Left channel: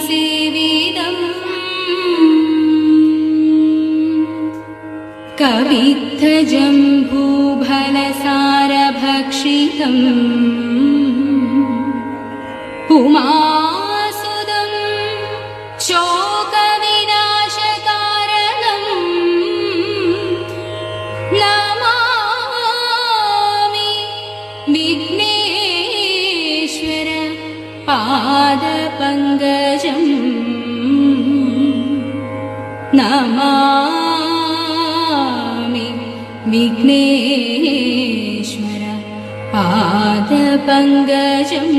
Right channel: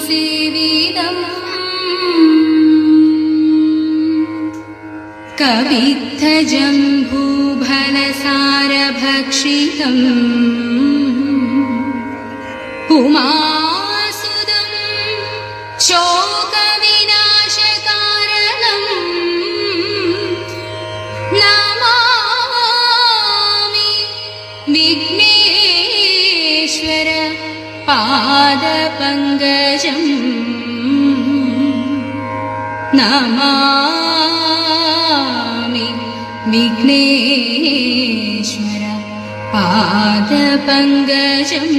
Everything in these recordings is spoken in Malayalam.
सेवितम् कवित्थजम्बूफलसारभक्षितम् उमासुदं शोकविनाशकारणम् नमामि विघ्नेश्वर पादपङ्कजम् नमामि विघ्नेश्वर पादपङ्कजम्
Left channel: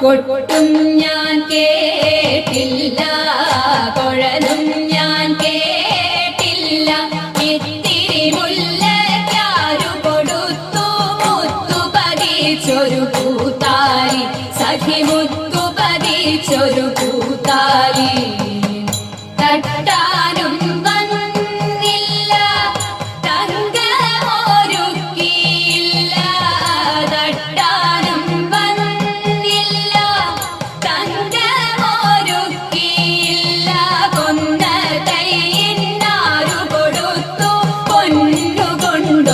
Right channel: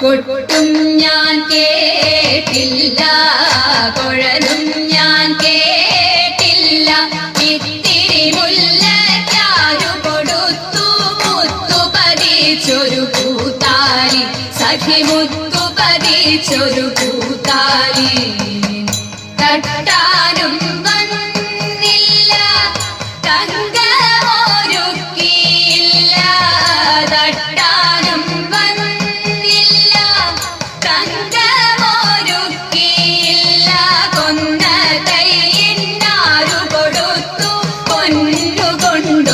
കൊട്ടും ഞാൻ കേട്ടില്ല കുഴലും ഞാൻ കേട്ടില്ല ഇത്തിരി മുല്ലയ്ക്കാരു കൊടുത്തു മുത്തു പതിച്ചൊരു പൂത്താലി സഖി മുത്തു പതിച്ചൊരു പൂത്താലി തട്ടാനും വന്നില്ല തങ്കമൊരുക്കിയില്ല തട്ടാനും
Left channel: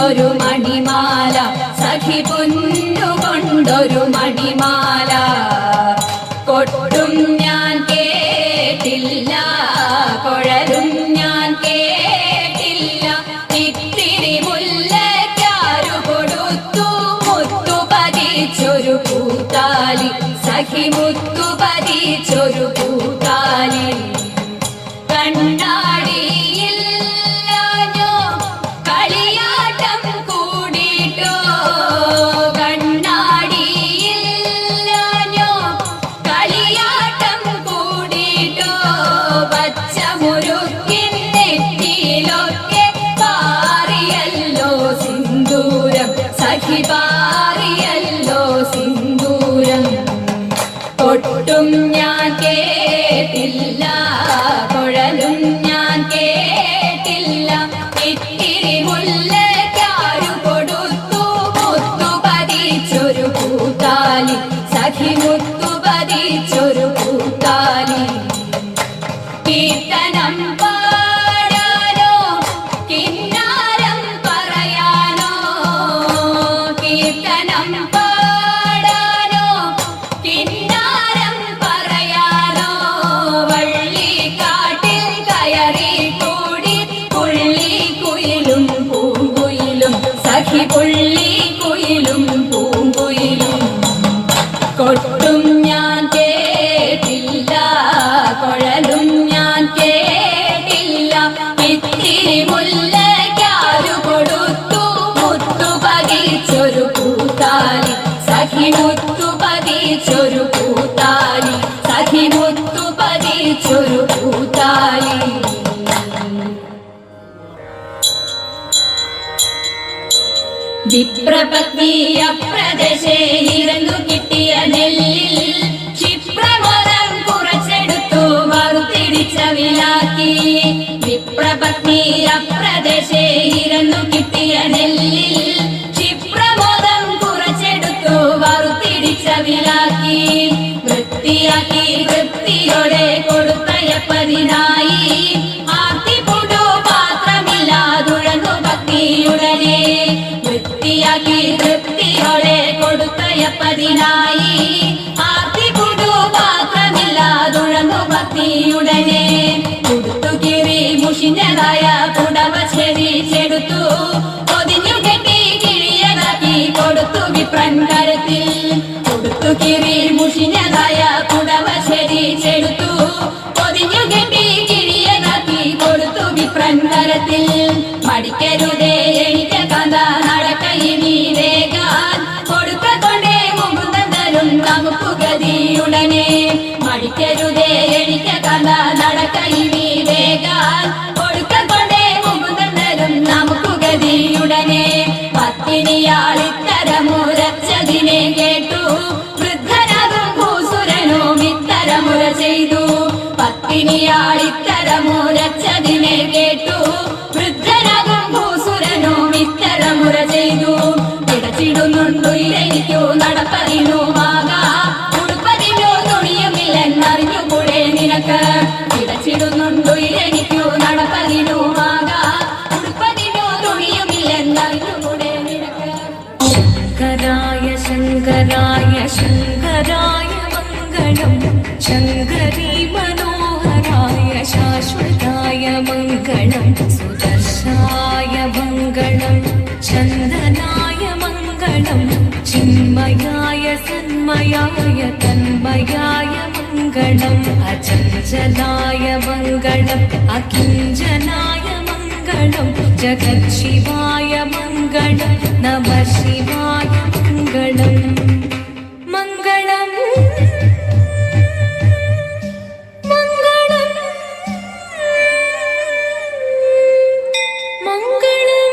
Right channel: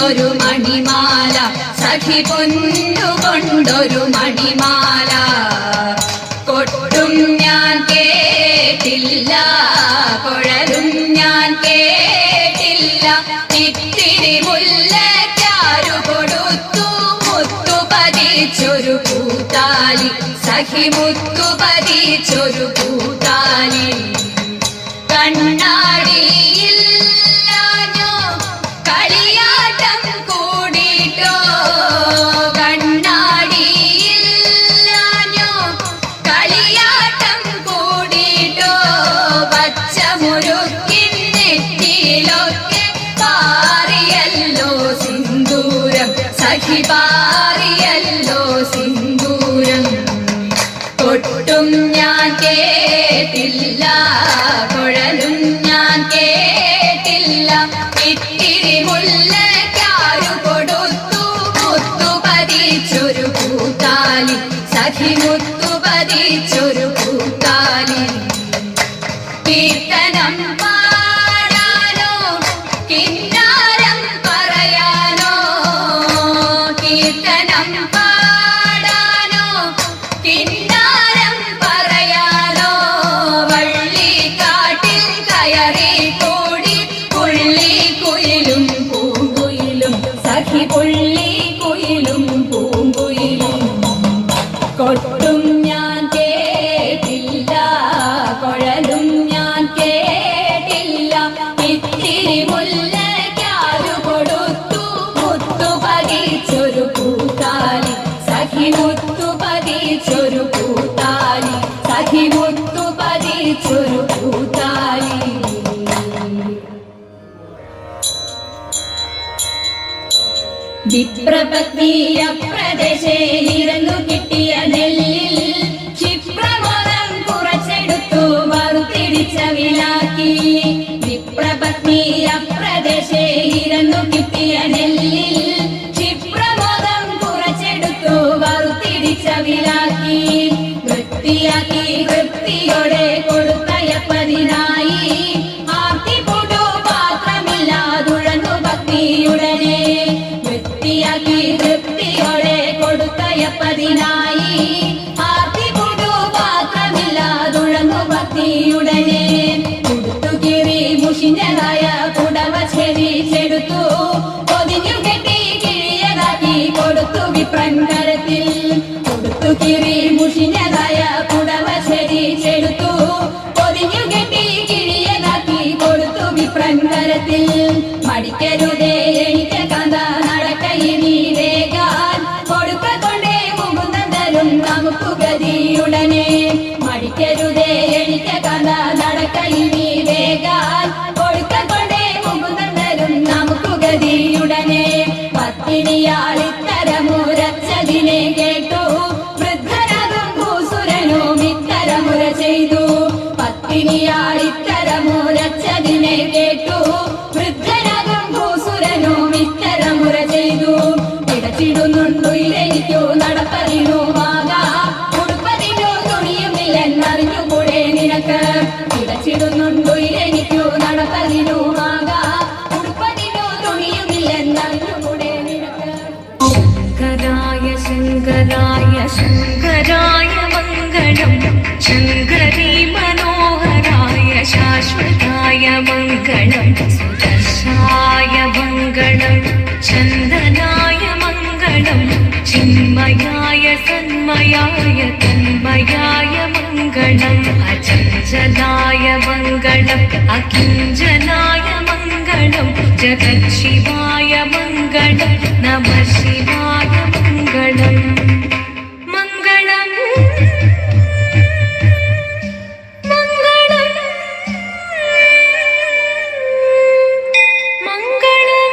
ഒരു മണിമാല സഖി പൊന്നുകൊണ്ടൊരു മണിമാല കൊട്ടും ഞാൻ കേട്ടില്ല കുഴലും ഞാൻ കേട്ടില്ല ഇത്തിരി മുല്ലയ്ക്കാരു കൊടുത്തു മുത്തു പതിച്ചൊരു പൂത്താലി സഖി മുത്തു പതിച്ചൊരു പൂത്താലി കൊട്ടും ഞാൻ കേട്ടില്ല കുഴലും ഞാൻ കേട്ടില്ല ഇത്തിരി മുല്ലയ്ക്കാരു കൊടുത്തു മുത്തു പതിച്ചൊരു പൂത്താലി സഖി മുത്തു പതിച്ചൊരു പൂത്താലി കീർത്തനം പാടാനോ കിന്നാരം പറയാനോ കീർത്തനം പുള്ളിക്കുയിലും പൂങ്കുയിലും കൊട്ടും ഞാൻ കേട്ടില്ല കുഴലും ഞാൻ കേട്ടില്ല ഇത്തിരി മുല്ലയ്ക്കാരു കൊടുത്തു മുത്തു പതിച്ചൊരു പൂത്താലി സഖി മുത്തു പതിച്ചൊരു പൂത്താലി സഖി മുത്തു പതിച്ചൊരു പൂത്താലി വിപ്രപത്നിയ പ്രദേശേ ഇരുന്നു കിട്ടിയ നെല്ലിൽ ക്ഷിപ്രമോദം കുറച്ചെടുത്തു വറുത്തിടിച്ച വിലാക്കി വിപ്രപത്നിയ പ്രദേശേ ഇരുന്നു കിട്ടിയ നെല്ലിൽ ക്ഷിപ്രമോദം കുറച്ചെടുത്തു വറുത്തിടിച്ച വിലാക്കി വൃത്തിയാക്കി വൃത്തിയോടെ കൊടുത്തയപ്പതിനായി ആർത്തിപ്പുടു പാത്രമില്ലാതുഴന്നു ഭക്തിയുടനെ വൃത്തിയാക്കി തൃപ്തിയോടെ കൊടുത്തയപ്പതിനായി ആർത്തിപ്പുടു പാത്രമില്ലാതുഴന്നു ഭക്തിയുടനെ കൊടുത്തു കീറി മുഷിഞ്ഞതായ പുടവ ചെടിച്ചെടുത്തു പൊതിഞ്ഞു കെട്ടി കിഴിയതാക്കി കൊടുത്തു വിപ്രൻ കരത്തിൽ കൊടുത്തു കീറി മുഷിഞ്ഞതായ പുടവ ചെടിച്ചെടുത്തു പൊതിഞ്ഞു കെട്ടി കിഴിയതാക്കി കൊടുത്തു വിപ്രൻ കരത്തിൽ മടിക്കരുതേ എനിക്ക് കഥ നടക്കയിനി വേഗാൻ കൊടുക്കത്തൊണ്ടേ മുകുന്ദൻ തരും നമുക്ക് ഗതിയുടനെ മടിക്കരുതേ എനിക്ക് കഥ നടക്കയിനി വേഗാൻ കൊടുക്കത്തൊണ്ടേ മുകുന്ദൻ തരും നമുക്ക് ഗതിയുടനെ പത്തിനിയാളിത്തരമുരച്ചതിനെ കേട്ടു വൃദ്ധനാകും ഭൂസുരനും ഇത്തരമുര ചെയ്തു പത്തിനിയാളിത്തരമുരച്ചതിനെ കേട്ടു വൃദ്ധനാകും ഭൂസുരനും ശങ്കരായ ശങ്കരായ ശങ്കരായ മംഗളം ശങ്കരീ മനോഹരായ ശാശ്വതായ മംഗളം സുദർശായ മംഗളം ചന്ദനായ മംഗളം ചിന്മയായ സന്മയായ തന്മയായ മംഗളം അചഞ്ചലായ മംഗളം അകിഞ്ചനായ മംഗളം ജഗത്ശിവായ മംഗളം നമഃ ശിവായ മംഗളം മംഗളം മംഗളം മംഗളം